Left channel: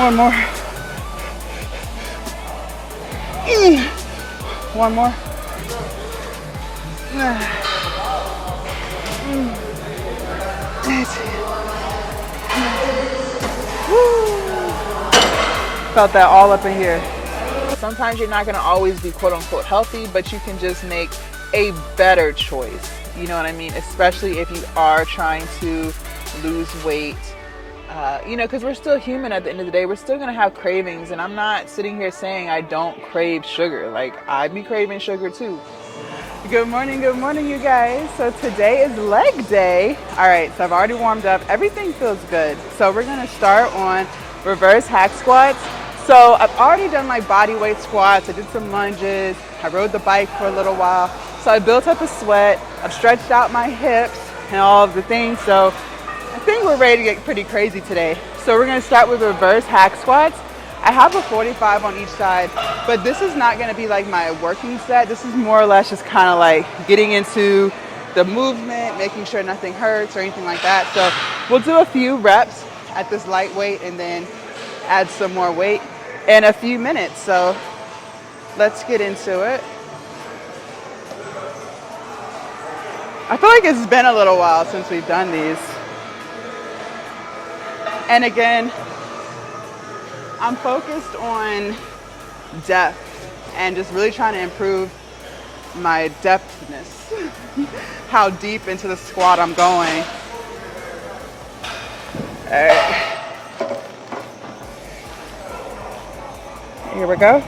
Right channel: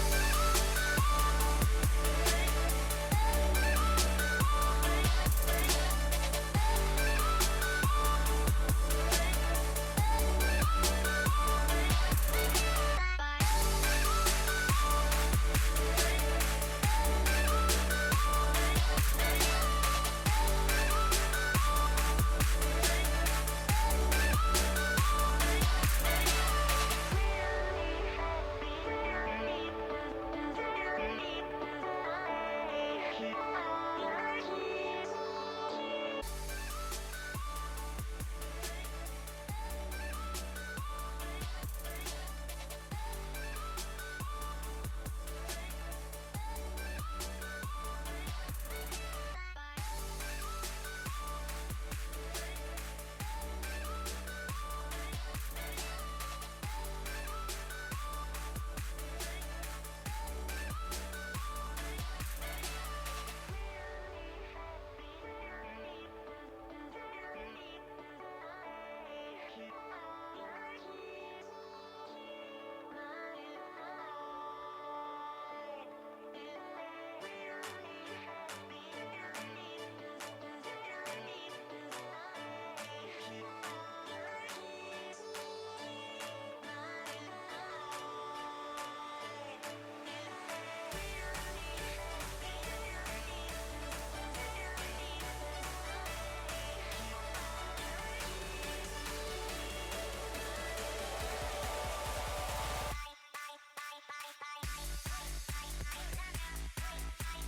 One more. One more. Felt that all up in here. Sometimes you're not gonna always be quote unquote healthy, but you can just make a better choice. You know what I mean? Especially if you are trying to lose weight. You know, because we're still human at the end of the day. We're still gonna have cravings, and I'm not sitting here saying I don't crave sugar. Like, I be craving sugar too. Good morning, you guys. So today is leg day. All right, so I've already warmed up. Everything feels good. So we're gonna start on reverse hack squats. So I've already done my body weight squats. I did some lunges. I rode the bike for a little while. So I built up a sweat. I've stretched out my hips and all of the things. So I think we're ready to get pretty crazy today. So we're gonna start with reverse hack squats. I have a 45 on each side, but this is not gonna be like my working set. This is more or less just kind of like getting into the movement, making sure nothing hurts or anything like that. So we'll do a few reps at this light weight and then add some more weight in a few minutes. So let's get into it. I feel like it's been a little while since we've done these. And again, I'm focused on depth and just really trying to improve my depthness, how deep into the squat I'm going. All right. Here we go.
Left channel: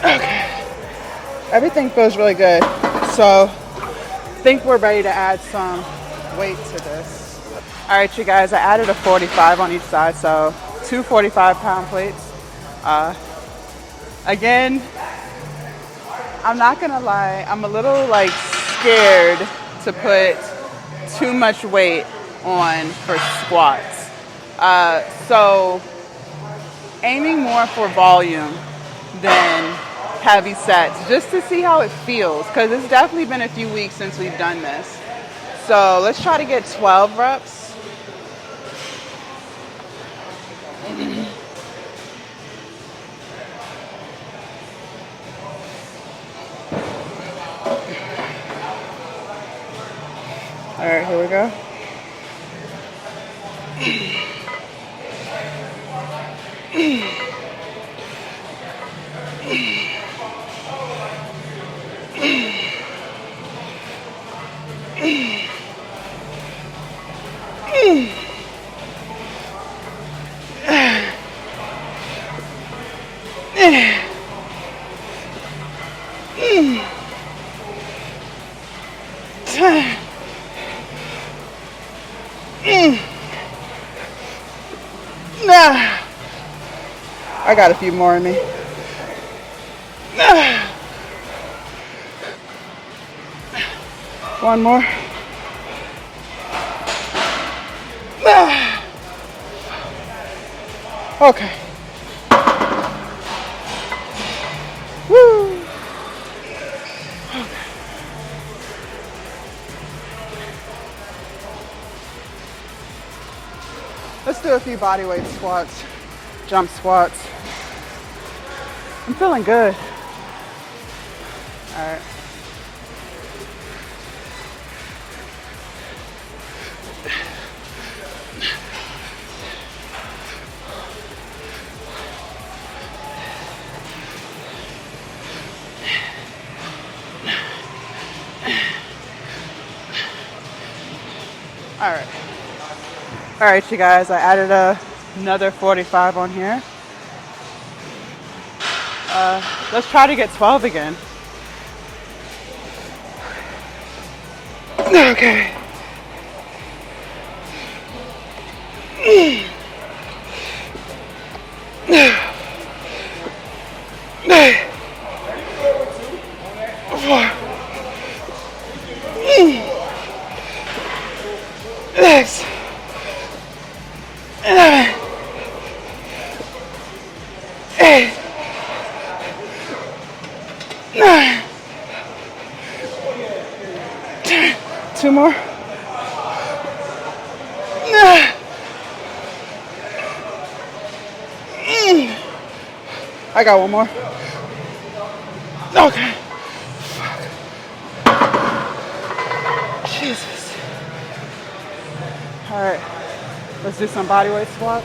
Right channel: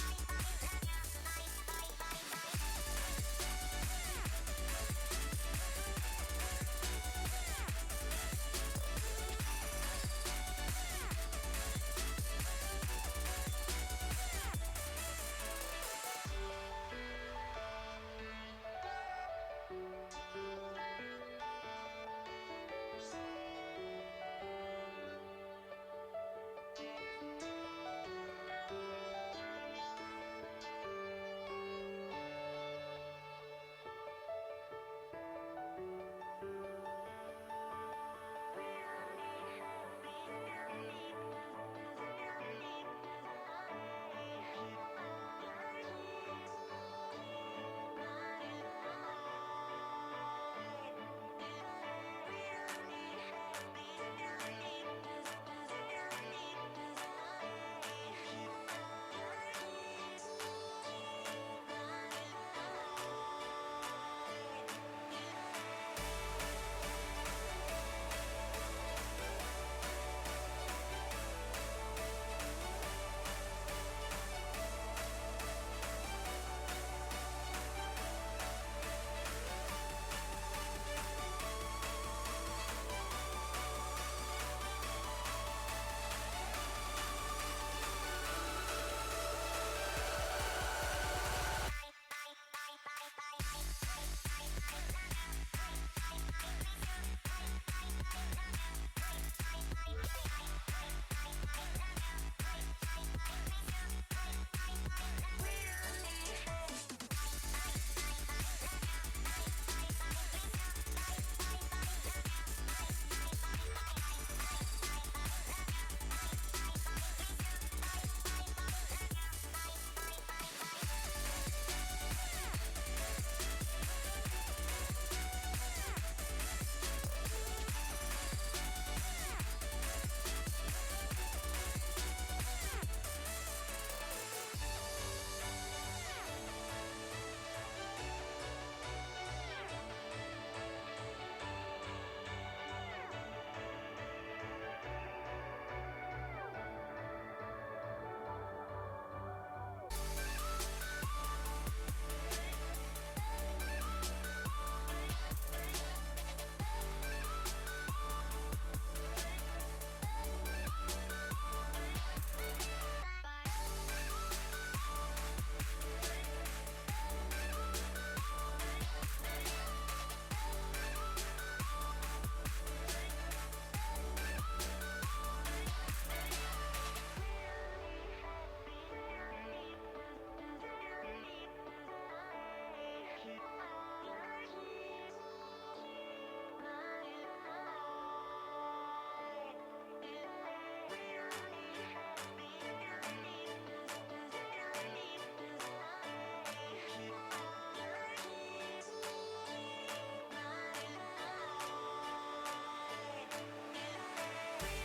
Okay. Everything feels really good. So I think we're ready to add some weight to this. All right, you guys, I added a 45 on each side, so two 45-pound plates. Again, I'm not gonna lie, I'm a little like scared to put too much weight on for squats. So aiming more for volume than heavy sets, just to see how it feels, because it's definitely been a few weeks since we've done this. So let's try to get 12 reps. All right, here we go. I got a few more in me. One more. Okay. Woo. Okay. Let's do a few body weight squats, jump squats. I'm feeling good. All right. All right, you guys, I added another 45 on here. Let's try to get 12 again. Okay. 2 more. I got 1 more. Okay. Jesus. All right, let's do some body weight squats.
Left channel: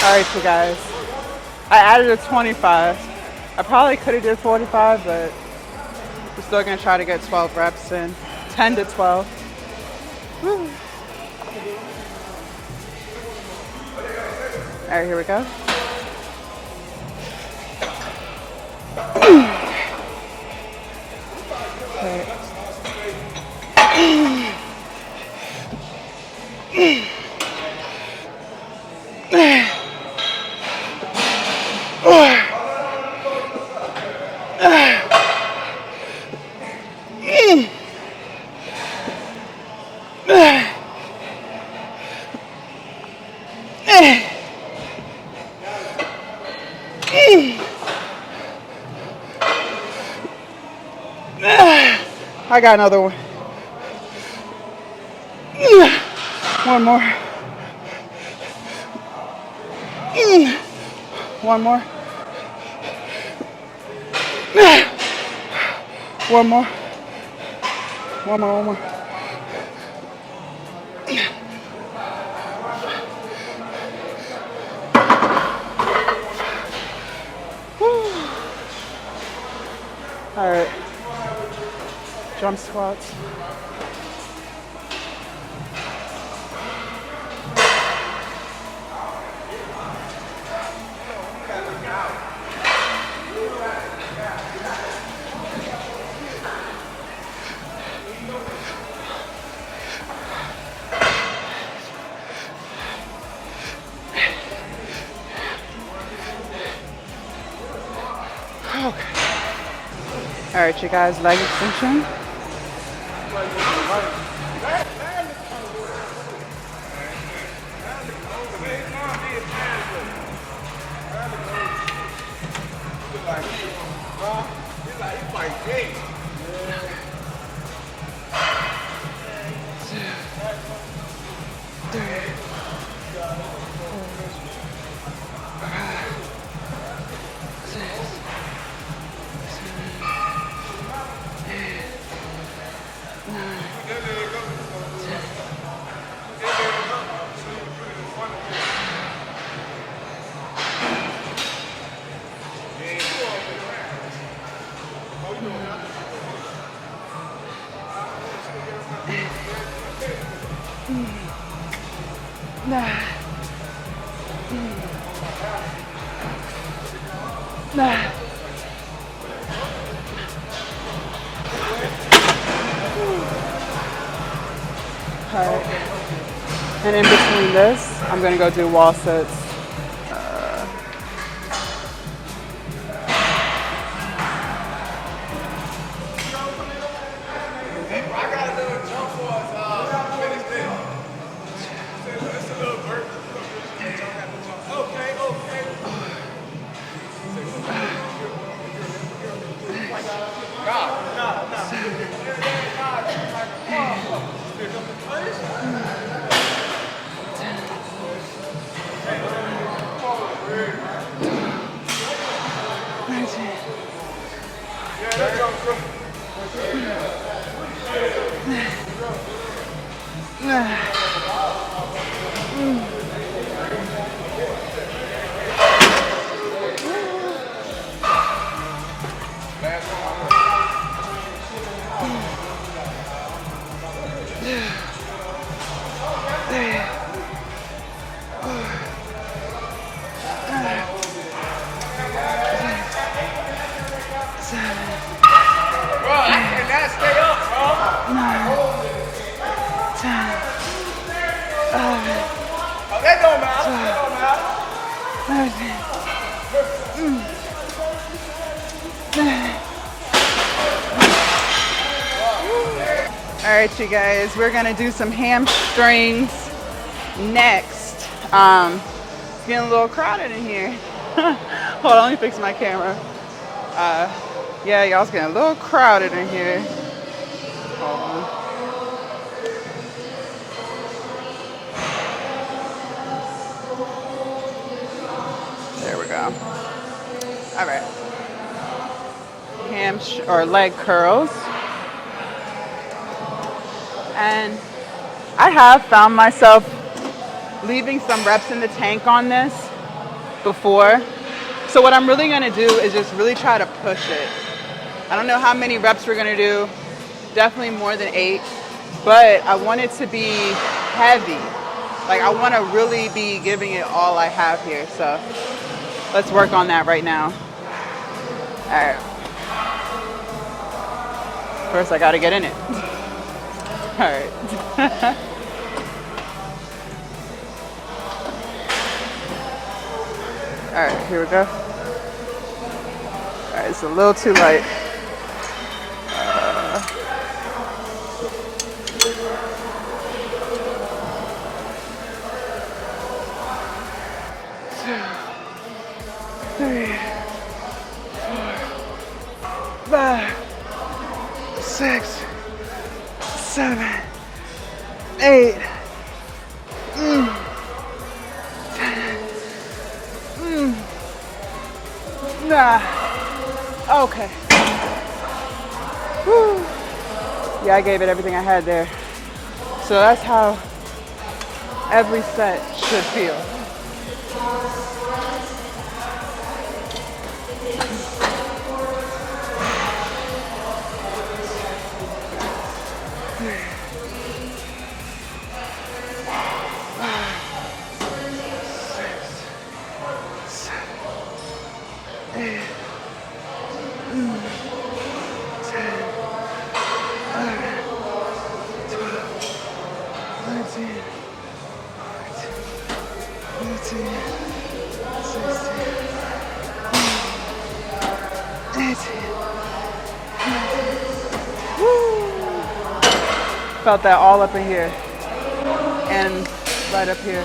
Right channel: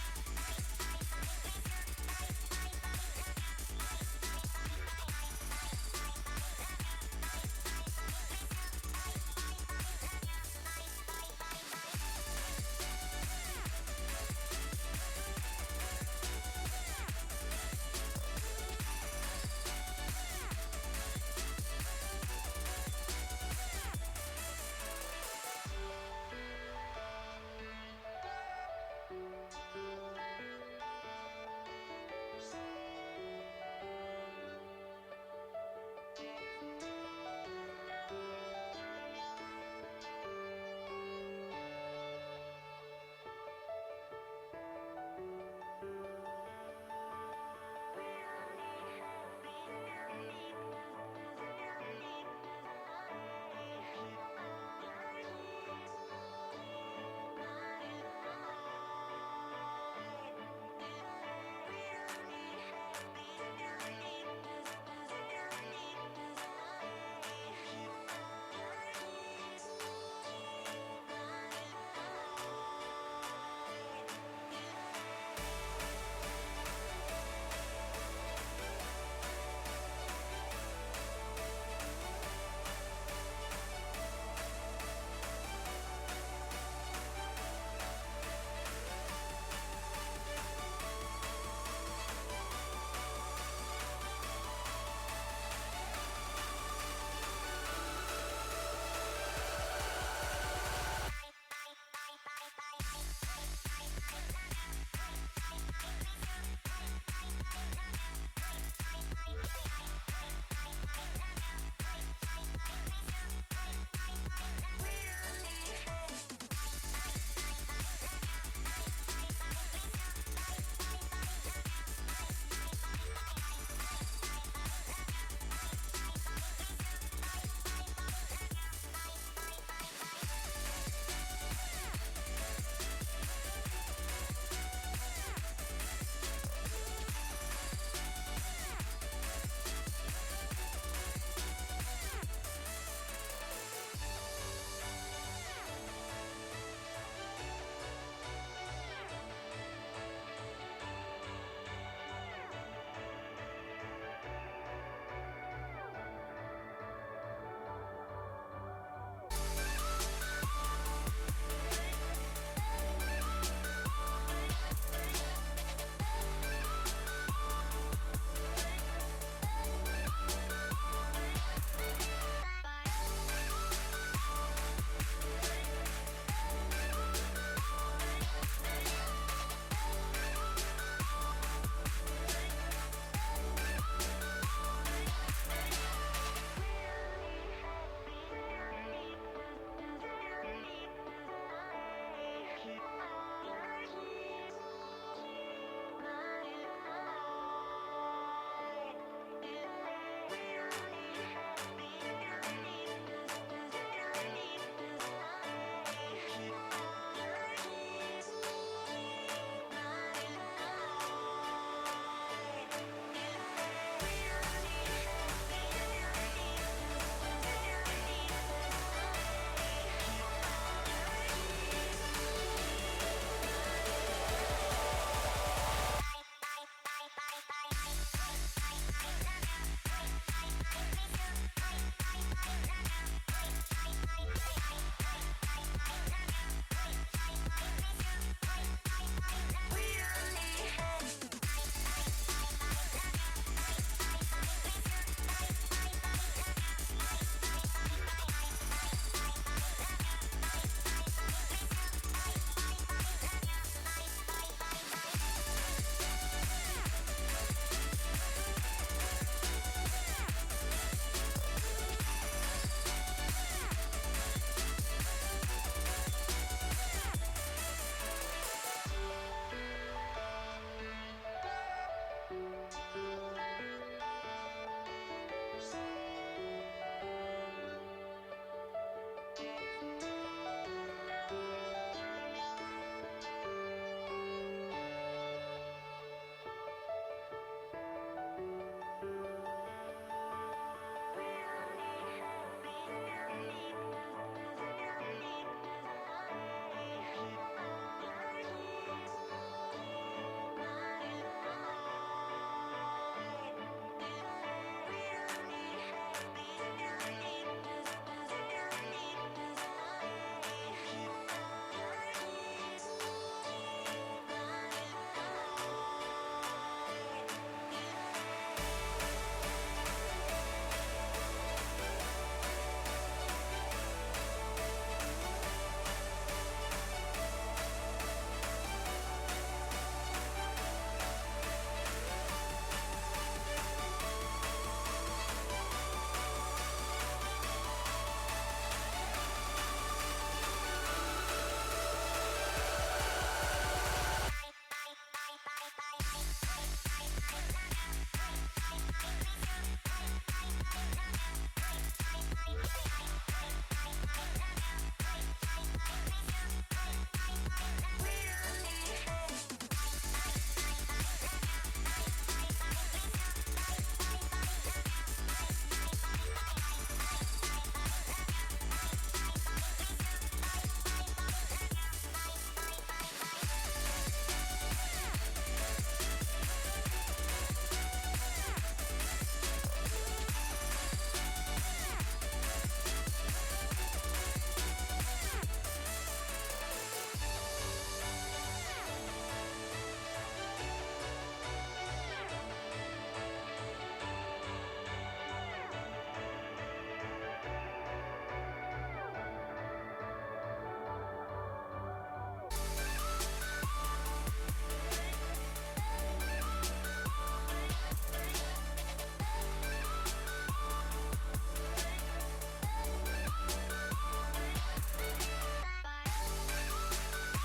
All right, you guys. I added a 25. I probably could have did 45, but we're still gonna try to get 12 reps in. 10 to 12. Woo. All right, here we go. I got another one. 1 more. 1 more. 1 more. 1 more, 1 more. All right. Jump squats. All right, you guys, leg extension. Okay. And in between this, I'm gonna go do wall sits. Oh, that don't matter. That don't matter. All right, you guys, we're gonna do some hamstrings next. It's getting a little crowded in here. Hold on, let me fix my camera. Yeah, y'all's getting a little crowded in here. Hold on. There we go. All right. Or leg curls. And I have found myself leaving some reps in the tank on this before. So what I'm really gonna do is just really try to push it. I don't know how many reps we're gonna do. Definitely more than 8, but I want it to be heavy. Like I wanna really be giving it all I have here. So let's work on that right now. All right. First I gotta get in it. All right. All right, here we go. All right, it's a little too light. Two, 3, 4, 5, 6, 7, 8, 10. Okay. Whew. Yeah, I gave it everything I had there. So that's how every set should feel. Felt that all up in here and right up here.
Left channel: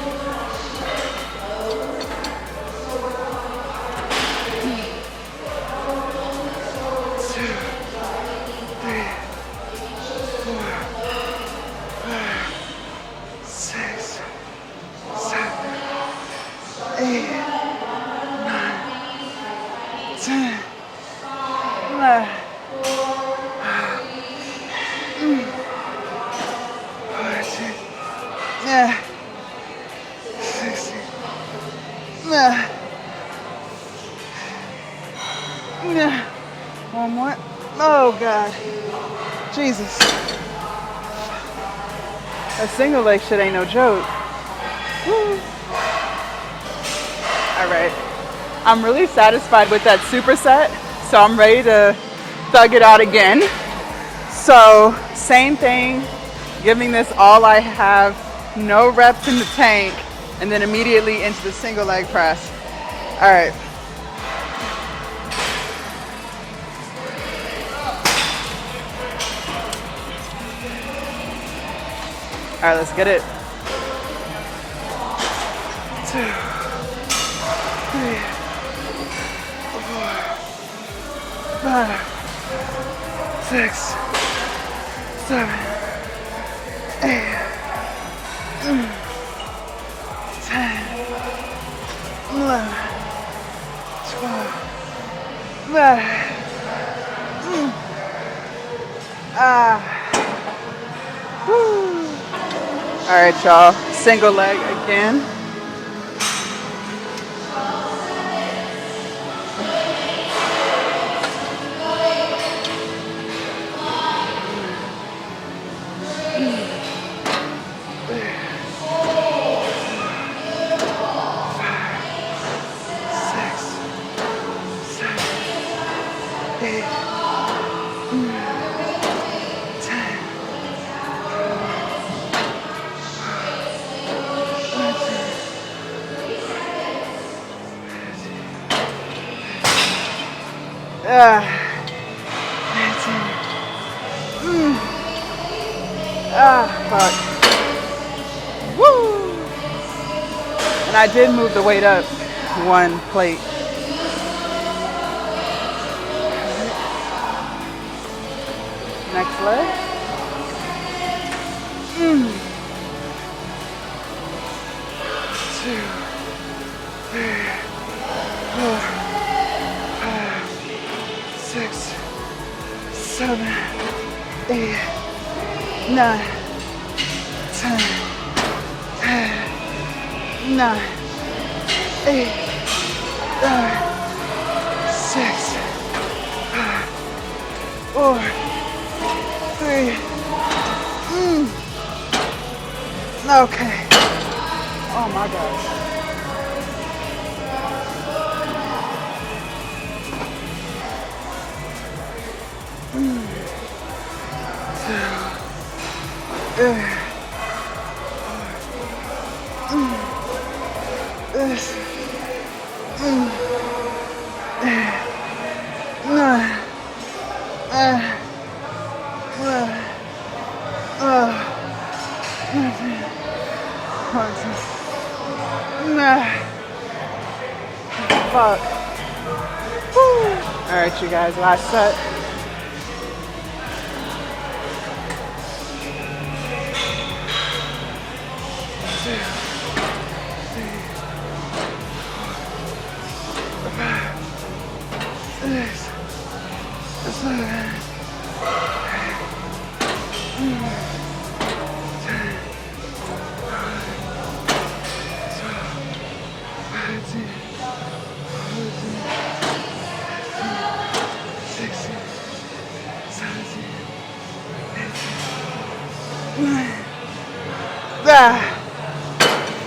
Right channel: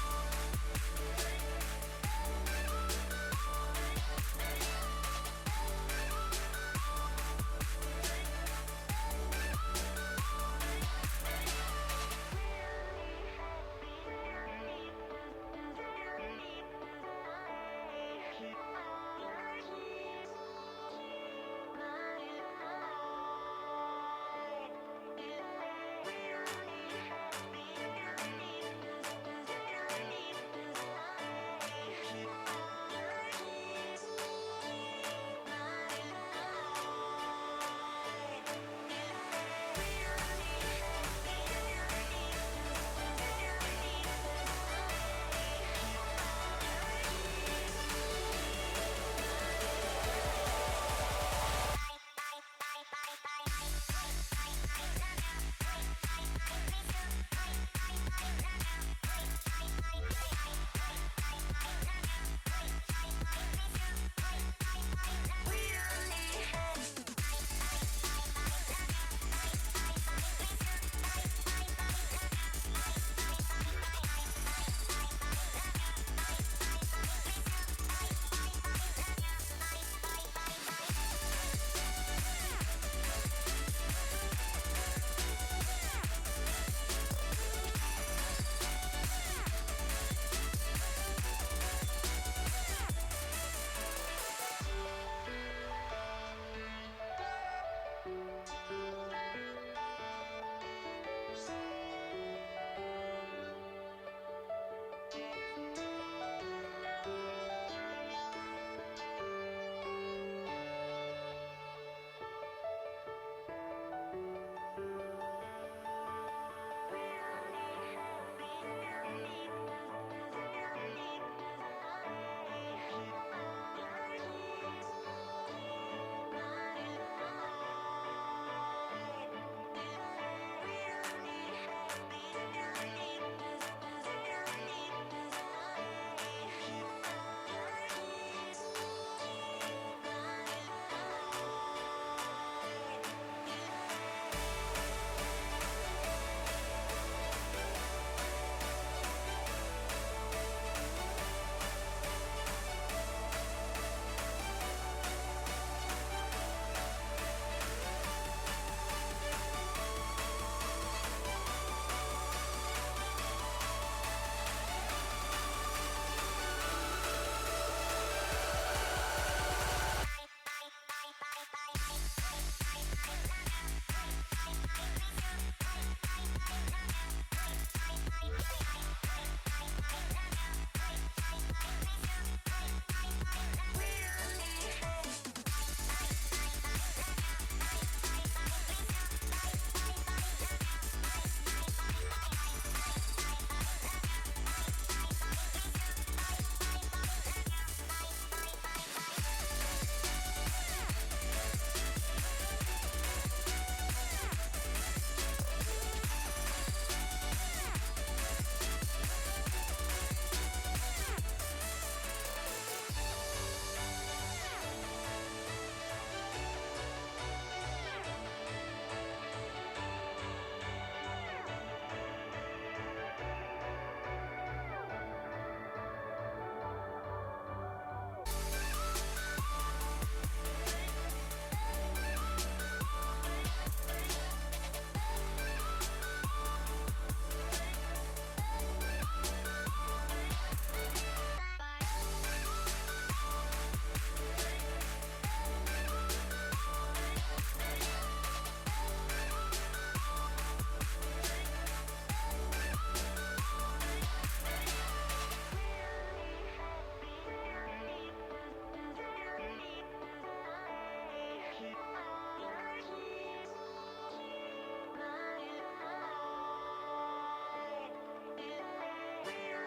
One more. Oh God. Jesus. A single leg shit ain't no joke. Woo. All right. I'm really satisfied with that superset, so I'm ready to thug it out again. So same thing, giving this all I have, no reps in the tank, and then immediately into the single leg press. All right. All right, let's get it. 2, 3, 4, 5, 6, 7, 8, 10, 11, 12, 13. All right, y'all, single leg again. Fuck. Woo! And I did move the weight up one plate. Next leg. Two, three, 4, 5, 6, 7, 8, 9, 10, 9, 8, 6, 5, 4, 3. Okay. Oh my gosh. Fuck. All right, you guys, last set.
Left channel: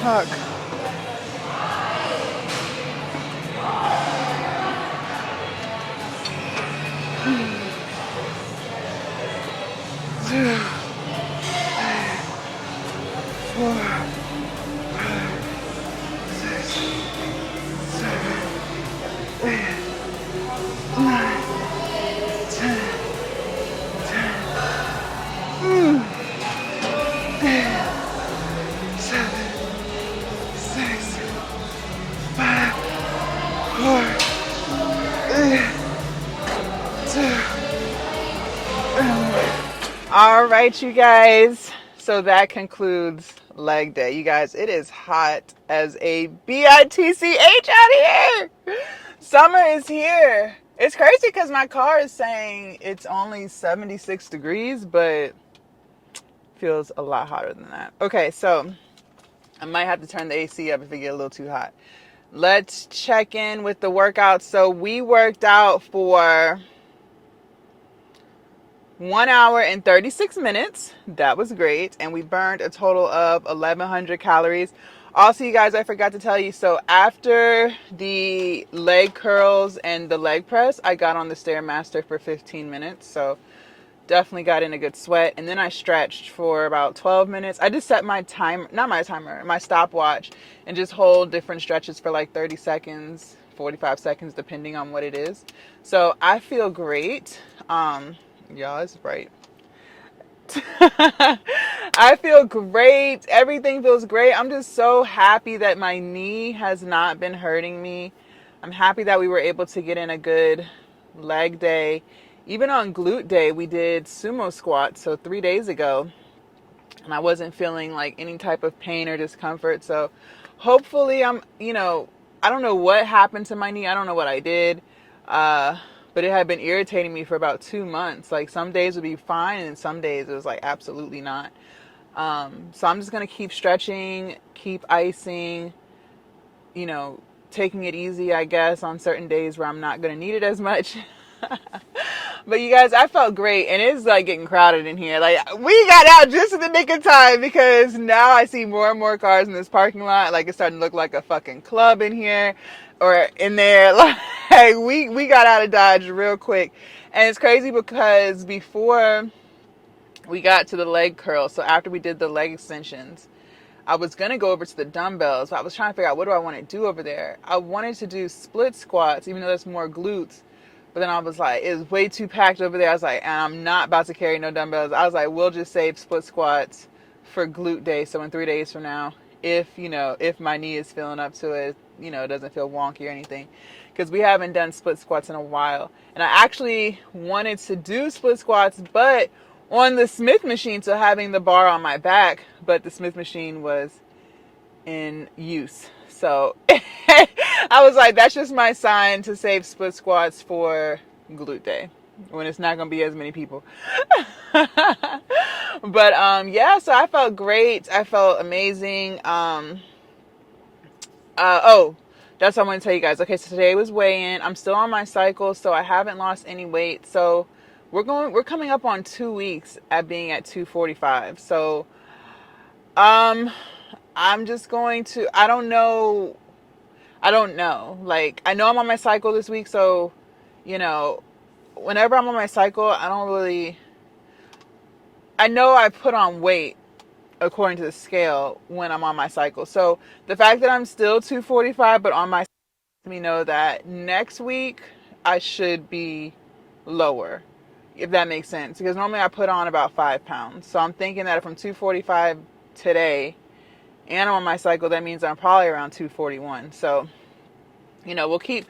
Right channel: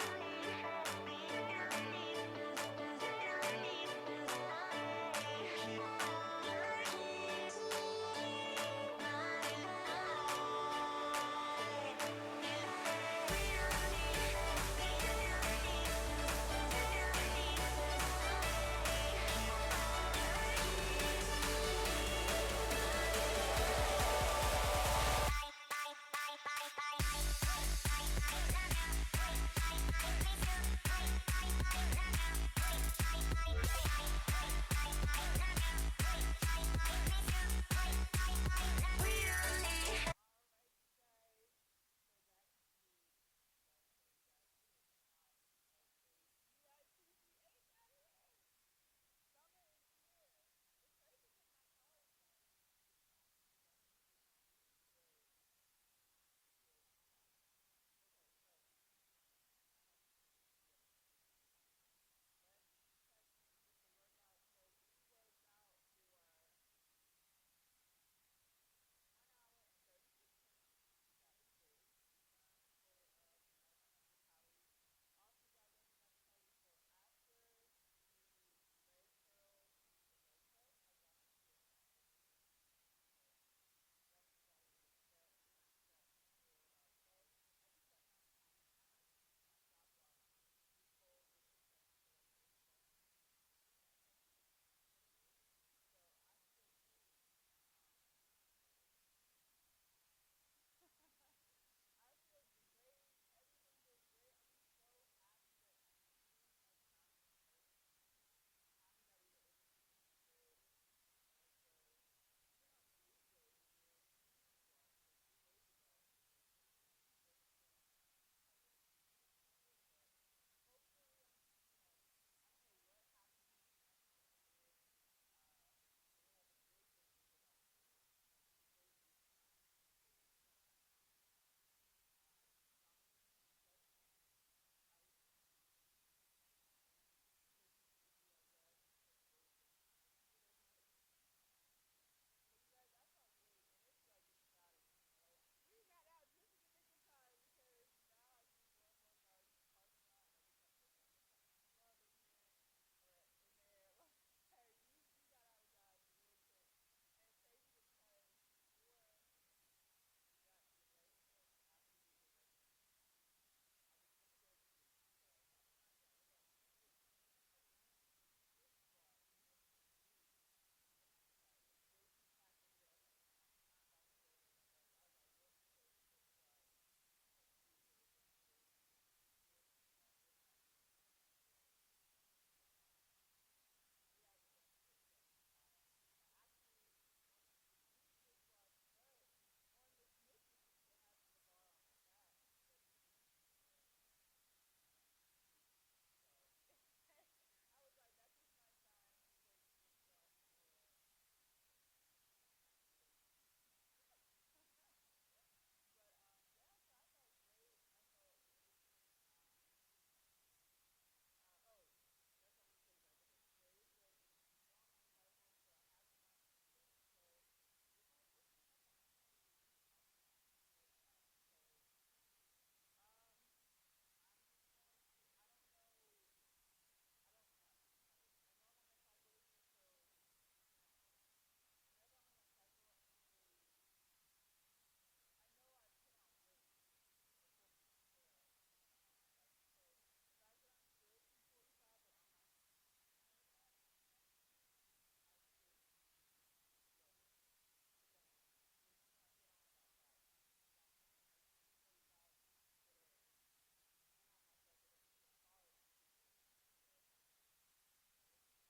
Fuck. All right, you guys. So that concludes leg day. You guys, it is hot as a bitch out here. Summer is here. It's crazy because my car is saying it's only 76 degrees, but feels a lot hotter than that. Okay, so I might have to turn the AC up if it get a little too hot. Let's check in with the workout. So we worked out for 1 hour and 36 minutes. That was great. And we burned a total of 1,100 calories. Also, you guys, I forgot to tell you, so after the leg curls and the leg press, I got on the Stairmaster for 15 minutes. So definitely got in a good sweat. And then I stretched for about 12 minutes. I just set my timer, not my timer, my stopwatch, and just hold different stretches for like 30 seconds, 45 seconds, depending on what it is. So I feel great. Y'all, it's bright. I feel great. Everything feels great. I'm just so happy that my knee has not been hurting me. I'm happy that we were able to get in a good leg day. Even on glute day, we did sumo squats, so 3 days ago, and I wasn't feeling like any type of pain or discomfort. So hopefully I don't know what happened to my knee. I don't know what I did. But it had been irritating me for about 2 months. Like some days would be fine and some days it was like absolutely not. So I'm just going to keep stretching, keep icing, taking it easy, I guess, on certain days where I'm not going to need it as much. But you guys, I felt great, and it's like getting crowded in here. Like we got out just in the nick of time because now I see more and more cars in this parking lot. Like it's starting to look like a fucking club in here or in there. Like we got out of Dodge real quick. And it's crazy because before we got to the leg curl, so after we did the leg extensions, I was going to go over to the dumbbells, but I was trying to figure out what do I want to do over there. I wanted to do split squats, even though that's more glutes. But then I was like, it was way too packed over there. I was like, and I'm not about to carry no dumbbells. I was like, we'll just save split squats for glute day. So in 3 days from now, if, if my knee is feeling up to it, it doesn't feel wonky or anything. Because we haven't done split squats in a while. And I actually wanted to do split squats, but on the Smith machine, so having the bar on my back, but the Smith machine was in use. So I was like, that's just my sign to save split squats for glute day when it's not going to be as many people. But yeah, so I felt great. I felt amazing. That's what I'm going to tell you guys. Okay, so today was weigh-in. I'm still on my cycle, so I haven't lost any weight. So we're coming up on 2 weeks at being at 245. So I'm just going to, I don't know. Like, I know I'm on my cycle this week, so, whenever I'm on my cycle, I know I put on weight according to the scale when I'm on my cycle. So the fact that I'm still 245, but on my cycle, lets me know that next week I should be lower, if that makes sense. Because normally I put on about 5 pounds. So I'm thinking that if I'm 245 today and I'm on my cycle, that means I'm probably around 241. So, I'll keep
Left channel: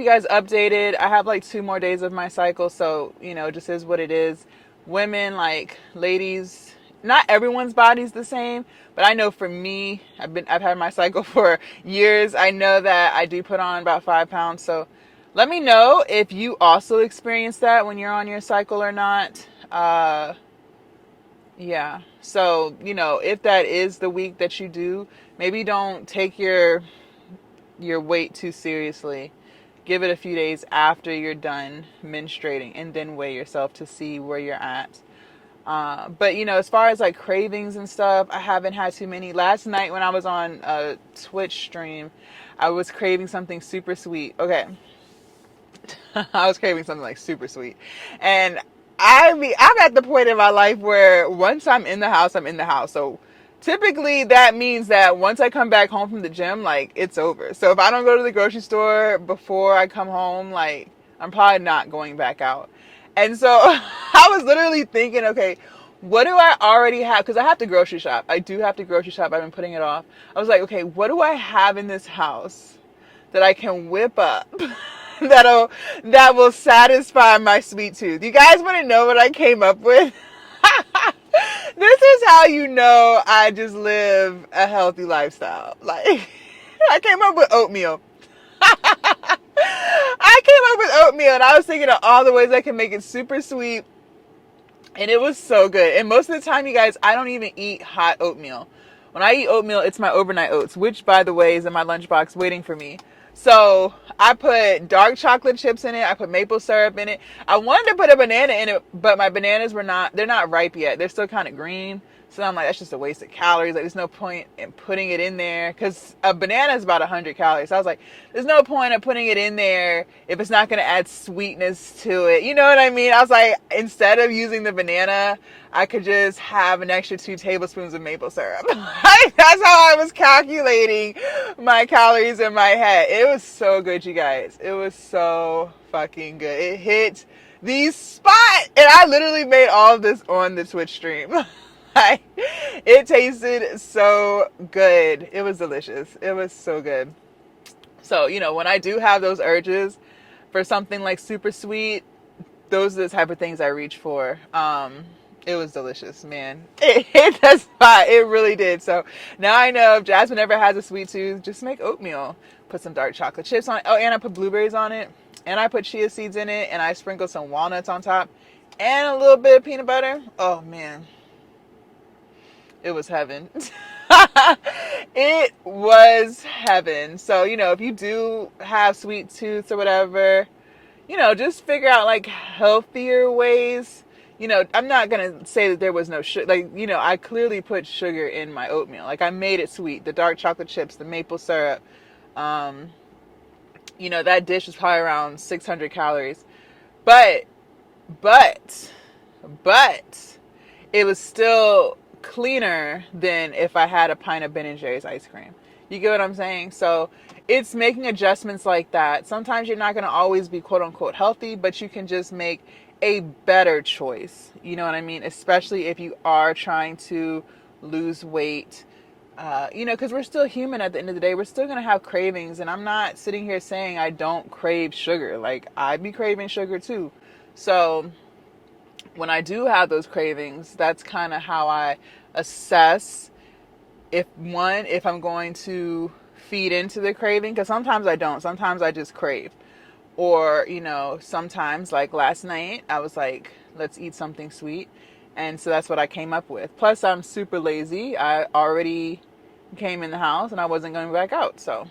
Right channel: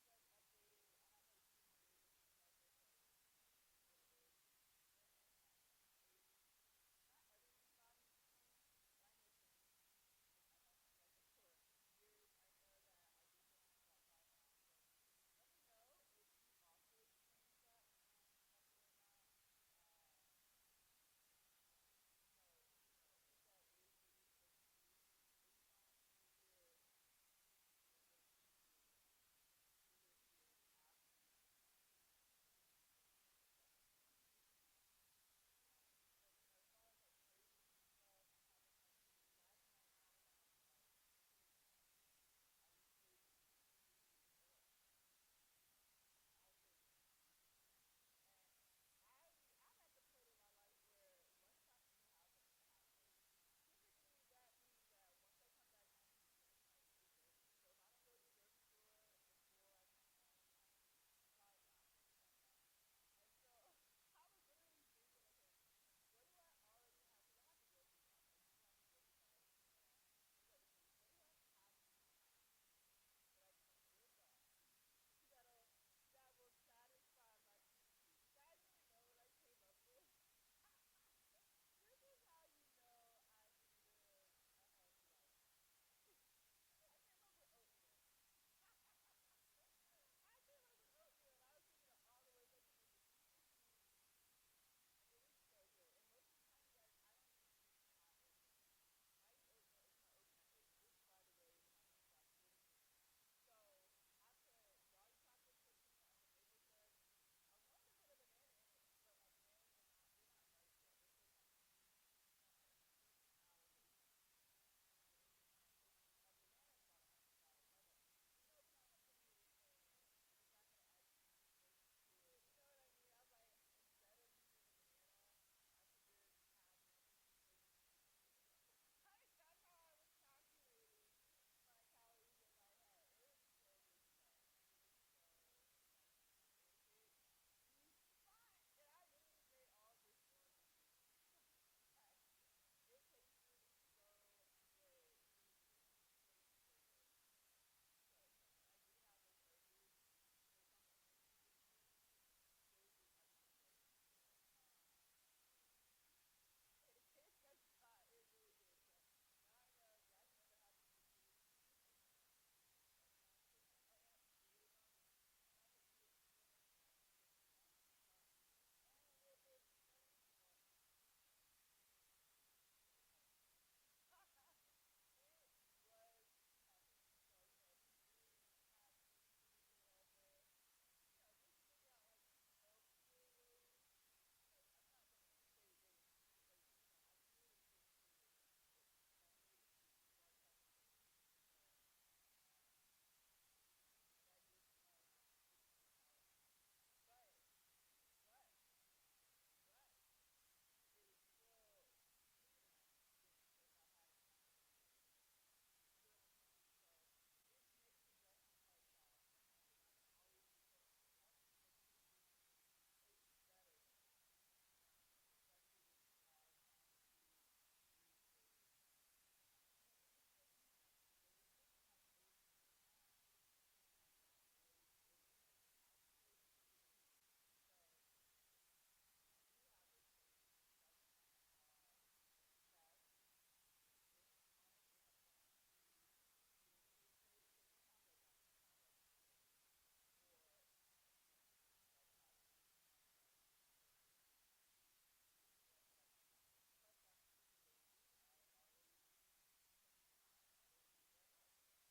you guys updated. I have like 2 more days of my cycle. So, it just is what it is. Women, like ladies, not everyone's body's the same, but I know for me, I've had my cycle for years. I know that I do put on about 5 pounds. So let me know if you also experience that when you're on your cycle or not. Yeah. So, if that is the week that you do, maybe don't take your weight too seriously. Give it a few days after you're done menstruating and then weigh yourself to see where you're at. But as far as like cravings and stuff, I haven't had too many. Last night when I was on a Twitch stream, I was craving something super sweet. Okay. I was craving something like super sweet. And I'm at the point in my life where once I'm in the house, I'm in the house. So typically that means that once I come back home from the gym, like, it's over. So if I don't go to the grocery store before I come home, like, I'm probably not going back out. And so I was literally thinking, okay, what do I already have? Because I have to grocery shop. I do have to grocery shop. I've been putting it off. I was like, okay, what do I have in this house that I can whip up that will satisfy my sweet tooth? You guys want to know what I came up with? This is how I just live a healthy lifestyle. Like, I came up with oatmeal. I came up with oatmeal, and I was thinking of all the ways I can make it super sweet, and it was so good. And most of the time, you guys, I don't even eat hot oatmeal. When I eat oatmeal, it's my overnight oats, which, by the way, is in my lunchbox waiting for me. So I put dark chocolate chips in it. I put maple syrup in it. I wanted to put a banana in it, but my bananas they're not ripe yet. They're still kind of green. So I'm like, that's just a waste of calories. Like, there's no point in putting it in there because a banana is about 100 calories. So I was like, there's no point of putting it in there if it's not going to add sweetness to it. You know what I mean? I was like, instead of using the banana, I could just have an extra 2 tablespoons of maple syrup. That's how I was calculating my calories in my head. It was so good, you guys. It was so fucking good. It hit the spot. And I literally made all of this on the Twitch stream. It tasted so good. It was delicious. It was so good. So, when I do have those urges for something like super sweet, those are the type of things I reach for. It was delicious, man. It hit the spot. It really did. So now I know if Jasmine ever has a sweet tooth, just make oatmeal. Put some dark chocolate chips on it. Oh, and I put blueberries on it. And I put chia seeds in it. And I sprinkled some walnuts on top. And a little bit of peanut butter. Oh, man. It was heaven. It was heaven. So, if you do have sweet tooth or whatever, just figure out like healthier ways. I'm not going to say that there was no sugar. Like, I clearly put sugar in my oatmeal. Like, I made it sweet. The dark chocolate chips, the maple syrup. That dish was probably around 600 calories. But it was still cleaner than if I had a pint of Ben & Jerry's ice cream. You get what I'm saying? So it's making adjustments like that. Sometimes you're not going to always be quote unquote healthy, but you can just make a better choice. You know what I mean? Especially if you are trying to lose weight. Because we're still human at the end of the day. We're still going to have cravings. And I'm not sitting here saying I don't crave sugar. Like, I be craving sugar too. So when I do have those cravings, that's kind of how I assess if I'm going to feed into the craving, because sometimes I don't. Sometimes I just crave. Or, sometimes like last night, I was like, let's eat something sweet. And so that's what I came up with. Plus, I'm super lazy. I already came in the house and I wasn't going back out. So,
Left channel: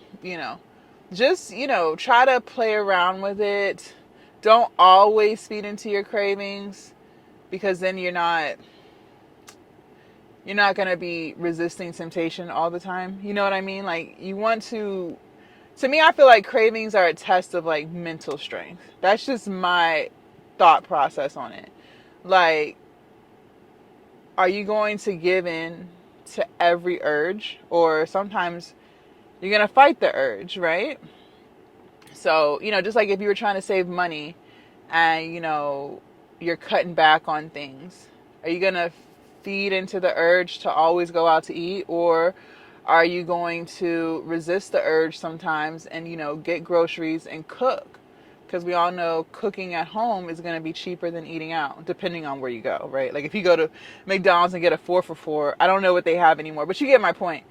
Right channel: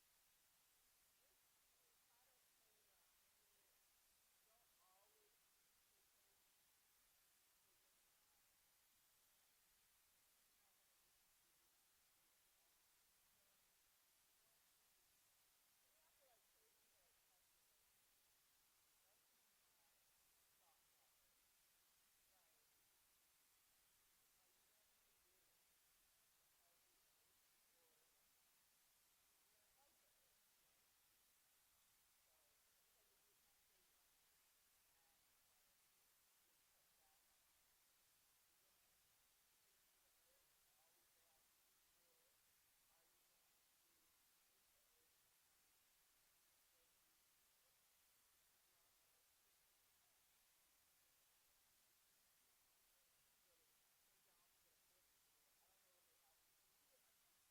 just, try to play around with it. Don't always feed into your cravings, because then you're not going to be resisting temptation all the time. You know what I mean? Like, you want to me, I feel like cravings are a test of like mental strength. That's just my thought process on it. Like, are you going to give in to every urge, or sometimes you're going to fight the urge, right? So, just like if you were trying to save money and, you're cutting back on things, are you going to feed into the urge to always go out to eat, or are you going to resist the urge sometimes and, get groceries and cook? Because we all know cooking at home is going to be cheaper than eating out, depending on where you go, right? Like if you go to McDonald's and get a 4 for $4, I don't know what they have anymore, but you get my point.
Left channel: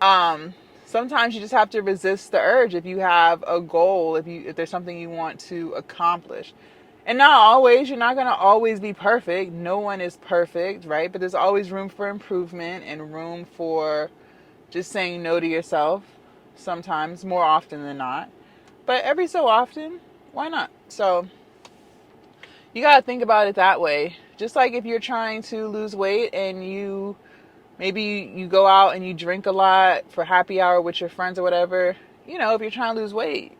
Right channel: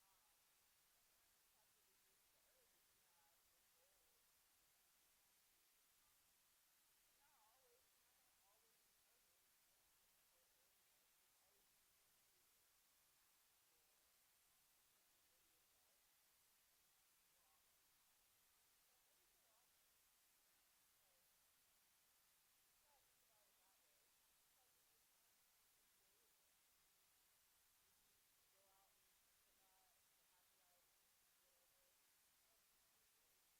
Um, Sometimes you just have to resist the urge if you have a goal, if there's something you want to accomplish. And not always, you're not going to always be perfect. No one is perfect, right? But there's always room for improvement and room for just saying no to yourself sometimes, more often than not. But every so often, why not? So you got to think about it that way. Just like if you're trying to lose weight and maybe you go out and you drink a lot for happy hour with your friends or whatever, if you're trying to lose weight,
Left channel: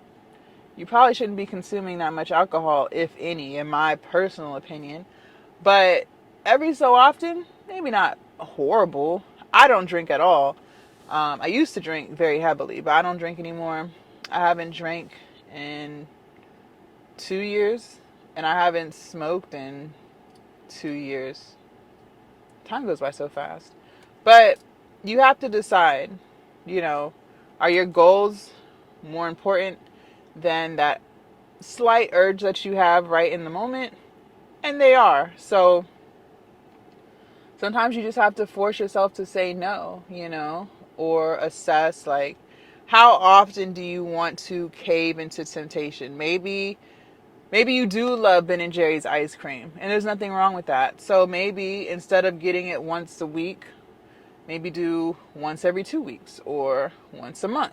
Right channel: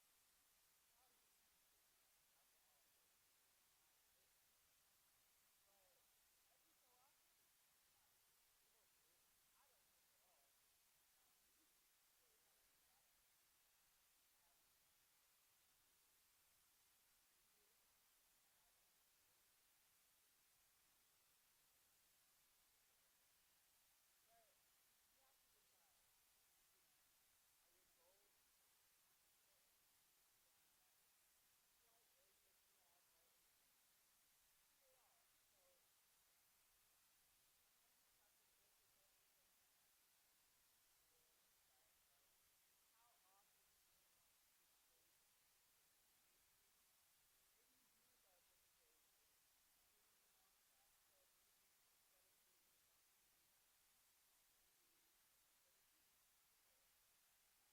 you probably shouldn't be consuming that much alcohol, if any, in my personal opinion. But every so often, maybe not horrible. I don't drink at all. I used to drink very heavily, but I don't drink anymore. I haven't drank in 2 years, and I haven't smoked in 2 years. Time goes by so fast. But you have to decide, you know, are your goals more important than that slight urge that you have right in the moment? And they are. So sometimes you just have to force yourself to say no, or assess like how often do you want to cave into temptation? Maybe you do love Ben and Jerry's ice cream, and there's nothing wrong with that. So maybe instead of getting it once a week, maybe do once every 2 weeks or once a month.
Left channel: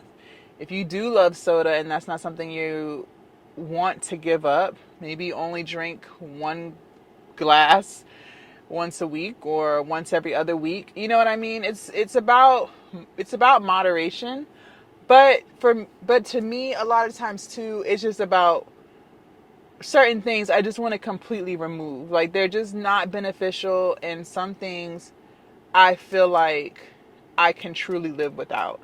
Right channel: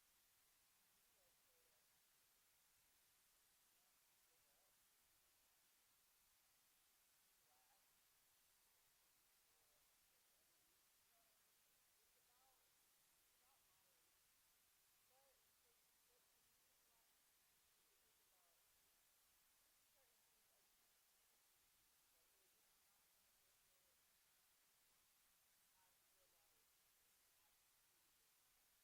If you do love soda and that's not something you want to give up, maybe only drink one glass once a week or once every other week. You know what I mean? It's about moderation. But to me, a lot of times too, it's just about certain things I just want to completely remove. Like they're just not beneficial, and some things I feel like I can truly live without.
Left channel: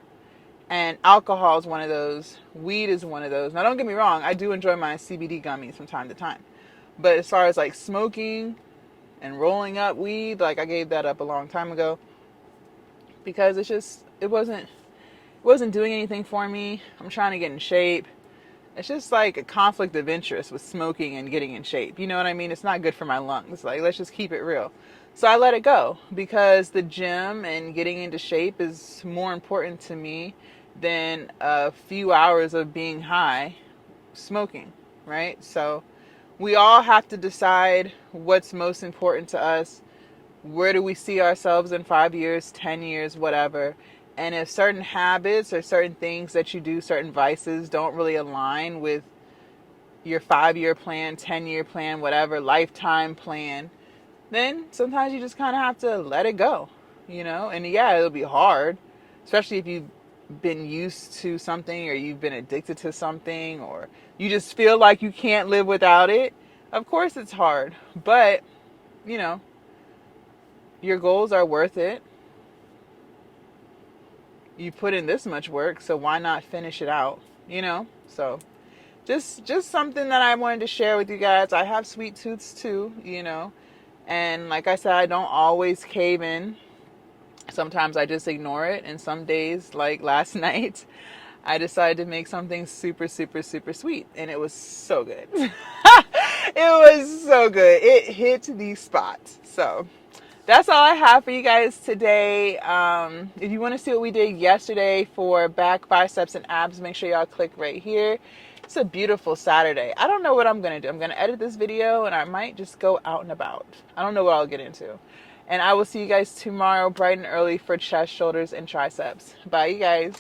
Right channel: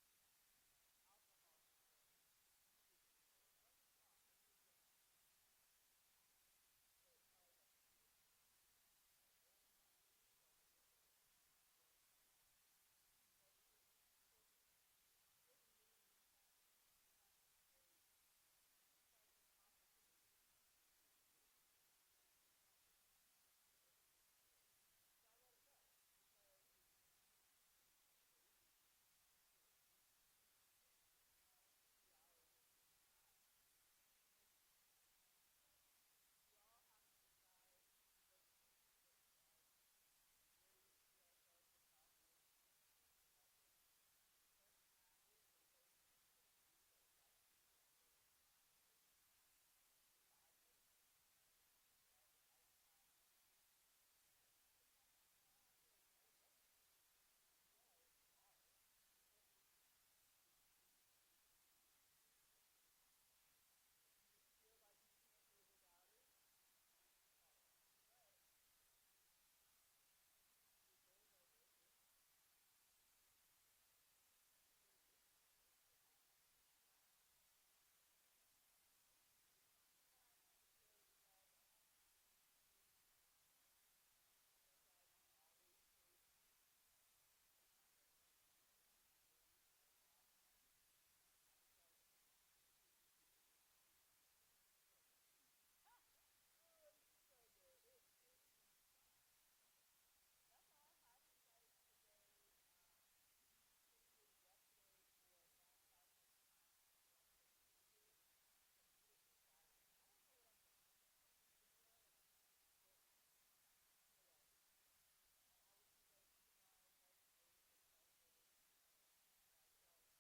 And alcohol is one of those. Weed is one of those. Now don't get me wrong, I do enjoy my CBD gummies from time to time. But as far as like smoking and rolling up weed, like I gave that up a long time ago because it wasn't doing anything for me. I'm trying to get in shape. It's just like a conflict of interest with smoking and getting in shape. You know what I mean? It's not good for my lungs. Like, let's just keep it real. So I let it go because the gym and getting into shape is more important to me than a few hours of being high smoking, right? So we all have to decide what's most important to us. Where do we see ourselves in 5 years, 10 years, whatever? And if certain habits or certain things that you do, certain vices don't really align with your 5 year plan, 10-year plan, whatever, lifetime plan, then sometimes you just kind of have to let it go, And yeah, it'll be hard, especially if you've been used to something or you've been addicted to something or you just feel like you can't live without it. Of course it's hard, but, you know, your goals are worth it. you put in this much work, so why not finish it out, you know? So just something that I wanted to share with you guys. I have sweet tooths too, you know. And like I said, I don't always cave in. Sometimes I just ignore it. And some days, like last night, I decided to make something super, super, super sweet. And it was so good. It was so good. It hit the spot. So that's all I have for you guys today. If you want to see what we did yesterday for back, biceps, and abs, make sure y'all click right here. It's a beautiful Saturday. I don't know what I'm going to do. I'm going to edit this video and I might just go out and about. I don't know what I'll get into. And I will see you guys tomorrow bright and early for chest, shoulders, and triceps. Bye, you guys.